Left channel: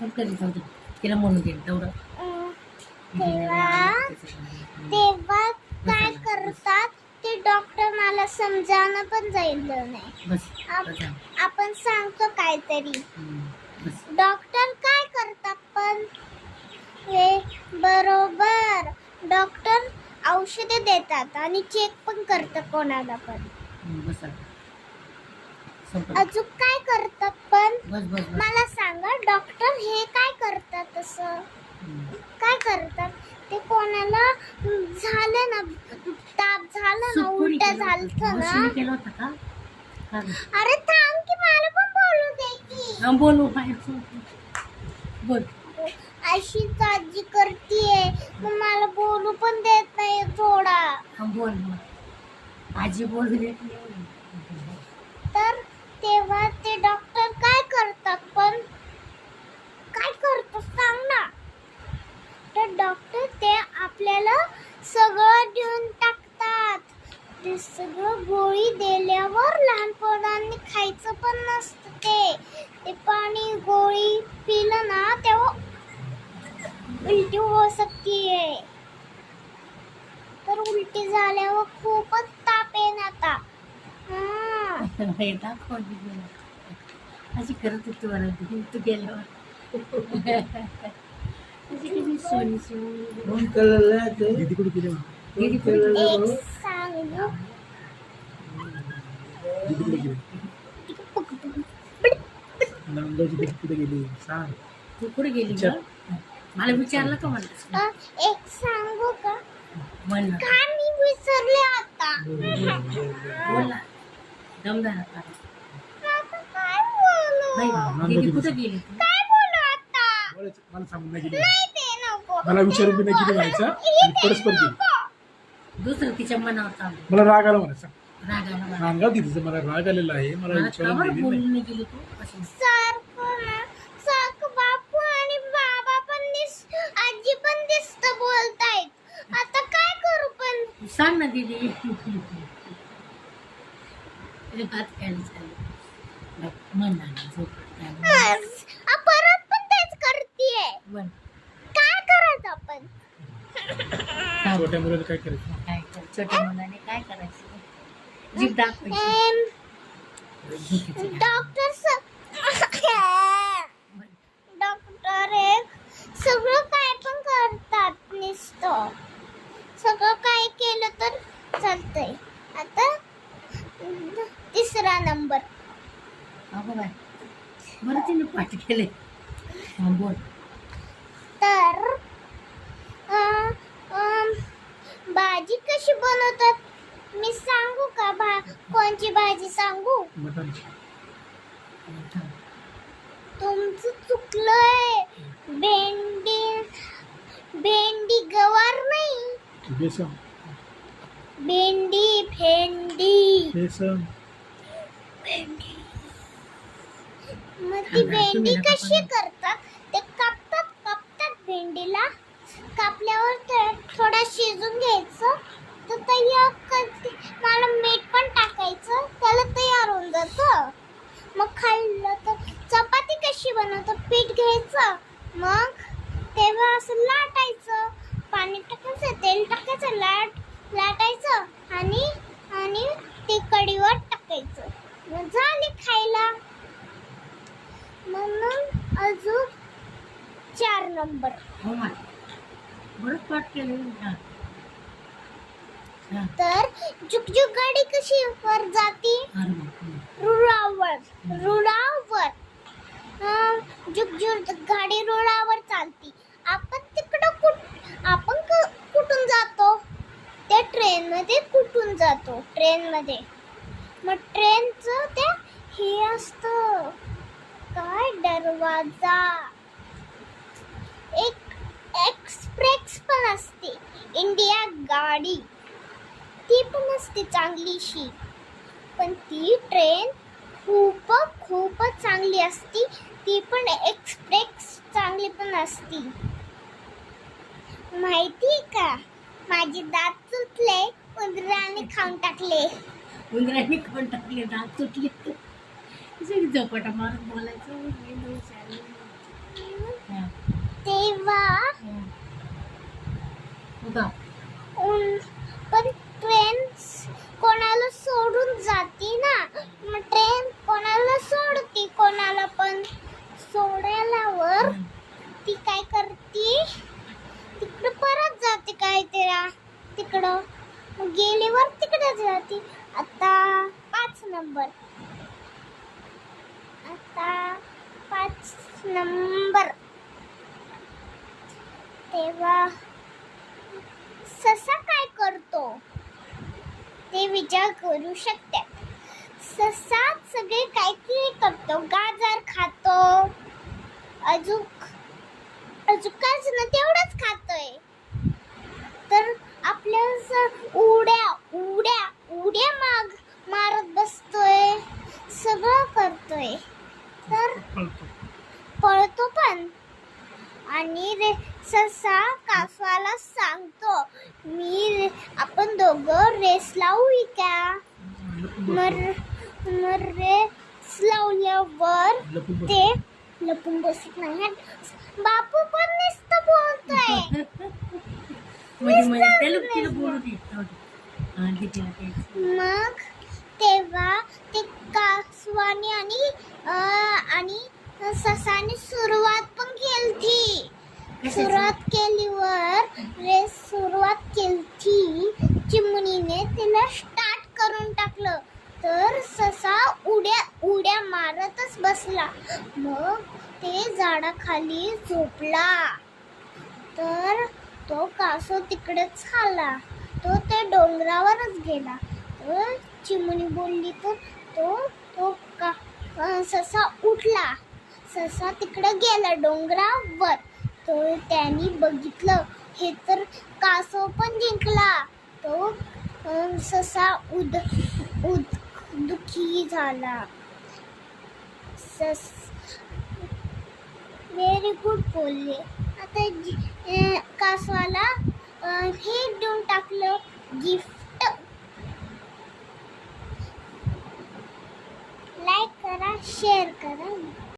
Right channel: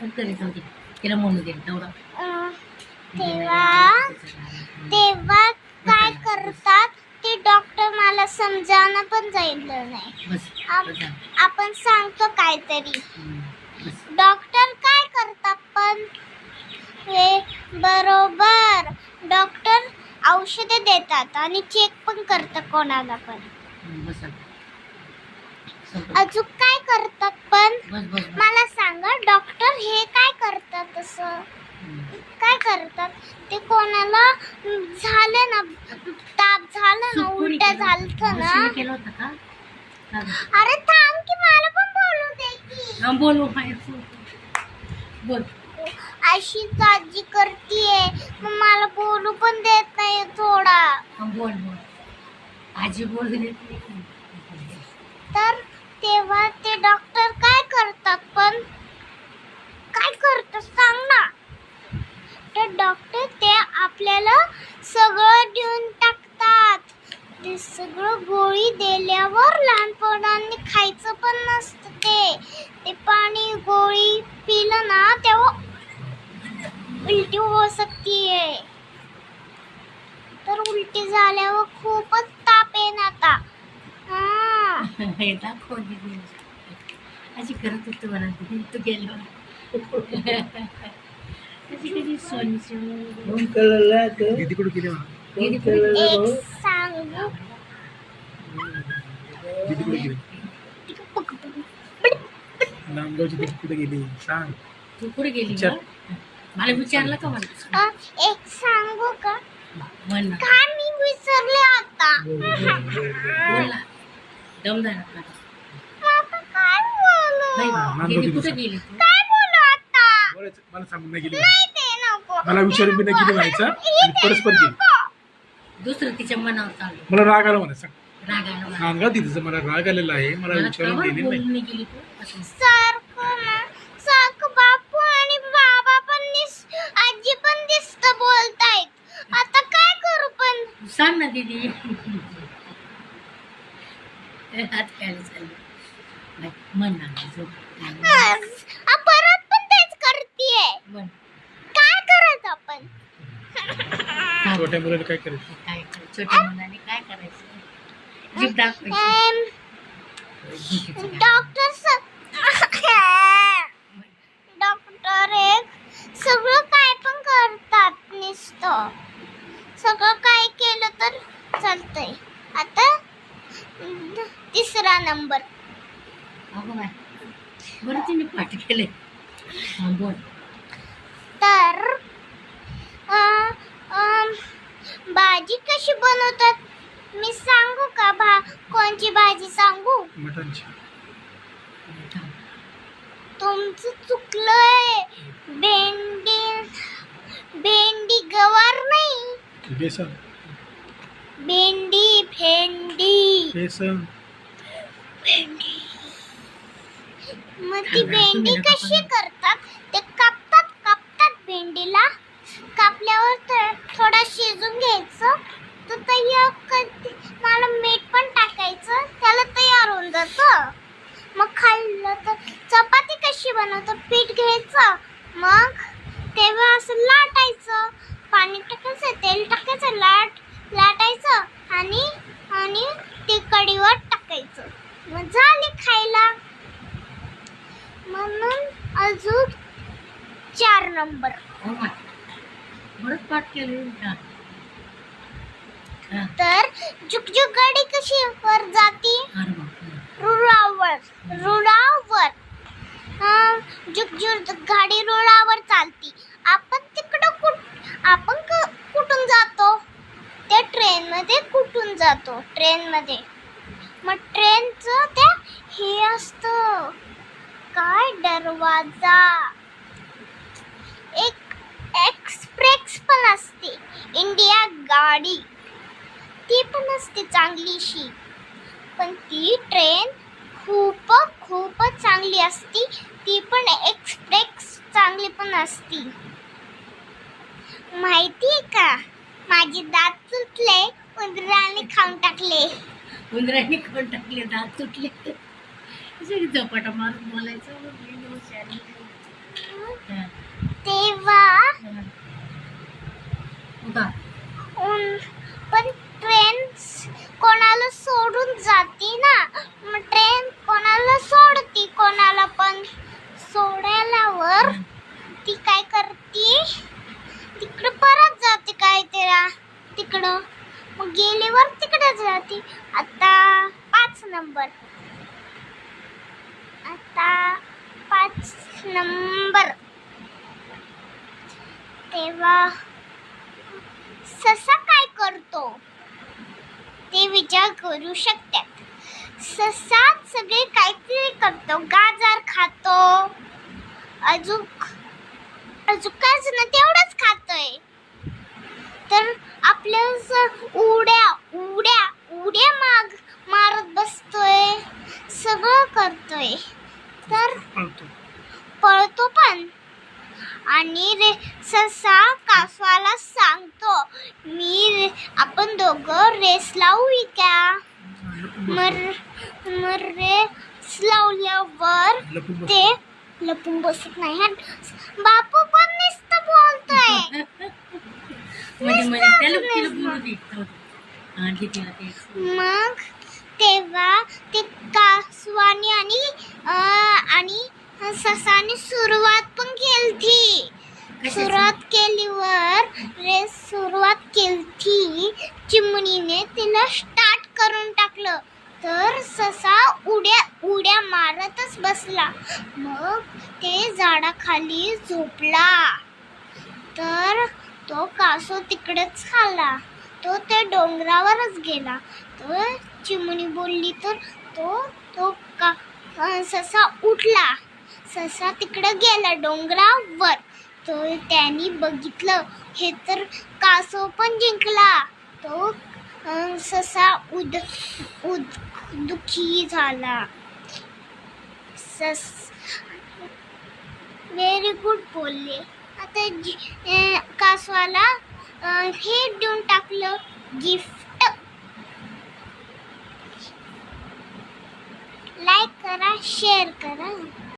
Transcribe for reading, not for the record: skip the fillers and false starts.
तरी जाऊ तिला म्हणून दे तेवढं. तेव्हा काय करतात ते डॉक्टर मला समजावणं पण जाईल नाही. आपण सांगतो काहीतरी. डॉक्टर काय करतात पण हे बरोबर डॉक्टर औषधे देतात आणि चेक पण करतात कोणाला पण. अजून काय करतात पण मला सांगा. डॉक्टर हे काय करतात असं काय करतात ते कोणाला झालं ना ताप झालं ना उलट्या झालं ना. अरे थांब की मला पण बोलू दे की. बोलू बोल. अशी काळजी करतीये मग मला बोलू पण देत नाही थोडा. बोल बोल आजी बोल देत नाही. तर तेव्हा ते डॉक्टर काय करतात पण काय करतात सांग ना. तर डॉक्टर ते आपल्याला सगळं देऊन टाकतात. ते सगळं गोळी दिल्यावर लहानपणाने खायचं पण नसतं ते पाणी गोळी पिलं ना तेव्हा उलटी होऊ शकते. तर उलटी झाल्यावर खूपच ताप येणार आता. अशी करत होती मला तू गेल्यावर. कधी सोनीची दीदी कुठे गेली एक सांगू दीदी कुठे गेली नांदगावची दीदी कुठे गेली सांग. तू कुठे गेली ग? मला विचारलं का मला? एक सांगू का म्हण ना. काय मी विसरले आता. बोल ना. दमदार करा. आता काय बोलू दीदी कुठे गेली तू? काय बोलू आता. मला सांगून नाही गेली नाही ते नको. मला विचारून बी नाही गेली म्हणायचं आणि परस्पर गेली. दुसरं तिच्या मनावर चालू. मला राग आला म्हणा सांग. रागायला नांदगाव दीदीचं मला राग आलेला आहे. मला विचारून गेली नाही. बोलून गेली तू असं. सारखं बापू आणि बाबा पण आजी पण दिसत बोलतायत. आता काय करू पण सांग ना दीदी. हात खायला चाललं म्हण ना झोप. परत पण तेच करतीये. बोल. काय करायचं आपण. छोट्या मुलाला काय करायचं. काय कर छोट्या मुलाने काय करायचं. जीभ दाखवायची. डॉक्टर एक सगळं काय पण करतात नुसतं. सगळं काय केलं तर चालतंय. आता तिसरा नंबर. अगं बाय बरं तिने पाठ केले. हा बोल. तर भाजी कशी बनवतात मी सांगू का. कोणची भाजी सांगू. मटणची. तुमचं चुकलंय. भेंडी गवार नाही. बेसन. भेंडी बेसन. मग ती भेंडी कशी करतात ते कापतात भेंडीला. कापल्यावर थोडा शिजून घ्यायचं. तर तयार मला मीठ पण टाकायचं त्याला तयार होऊन जातं. मग खाल्लं तर चपाती कशी बनवतात. पीठ घ्यायचं मग तेव्हा असं लाटायचं. पाणी टाकायचं तेल टाकायचं लाटायचं आणि ते कढीवर टाकायचं. मग झाले खायला. म्हणून अजून 4 नंबर. बरंच पाठ केले. तर झुकझुक गाडी कशी वर जाती. रुळावर झुकझुक गाडी रुळावर चालती. आपण कुठून जातो. त्या ट्रेन मध्ये कुठून जातो. ट्रेन मध्ये मग ट्रेनचं त्या हे असतं काय दरवाजा. एक एक्सप्रेस पण असते. इंडिया गाडी ती पण असते चांगलीशी. पण ती ट्रेन खूपच चांगली असती. ती पण एक्सप्रेस चांगली पण असती. माहितीये का माझे दात तुटले. उंदराने खाऊन टाकले. उंदराने खाऊन टाकले दात तुटले. झपाटा मारून बोलायचं. ती काय करते, तिकडं परत जाते काय तिकडं, मग गेल्यावर तिकडे जाते. आता 5 नंबर, तेव्हा ससा काय करतो ते विचार करू शकतात. ससा सगळे काहीतरी करतो, गाजर खातो, अजून काच ना तेवढंच खातोय. तर आपल्या उड्या मारत बसतोय, सगळं करतोय. तर पळतो पण. आणि ससा कासवाला सांगतो, आपण दोघं रेस लावू का? रेस लावल्यावर ते लपून बसत नाही. बापू पण नुसतं बोलतोय. मग तेव्हा ते कासवाने आणि ससाने सुरुवात पण केली. सुरुवात केली चिमणीने तिला स्टार्ट करून टाकलं. तर ससा उड्या मारतच बसला. मग ते झाडाखाली झोपला. तर तो कासव तिकडेच आला. तो त्या डोंगरावरच गेला. तर चिमणी बोलली, तर तो ससा उठला. ससा तिकडे गेला डोंगरावर. तर त्यांनी बघितलं, हे तर कासव पण जिंकला. तो ससा दुःखी झाला. व्हेरी गुड बोलले. आता कासवाला हे देऊन टाकलं, गिफ्ट. लाईक करा, शेअर करा.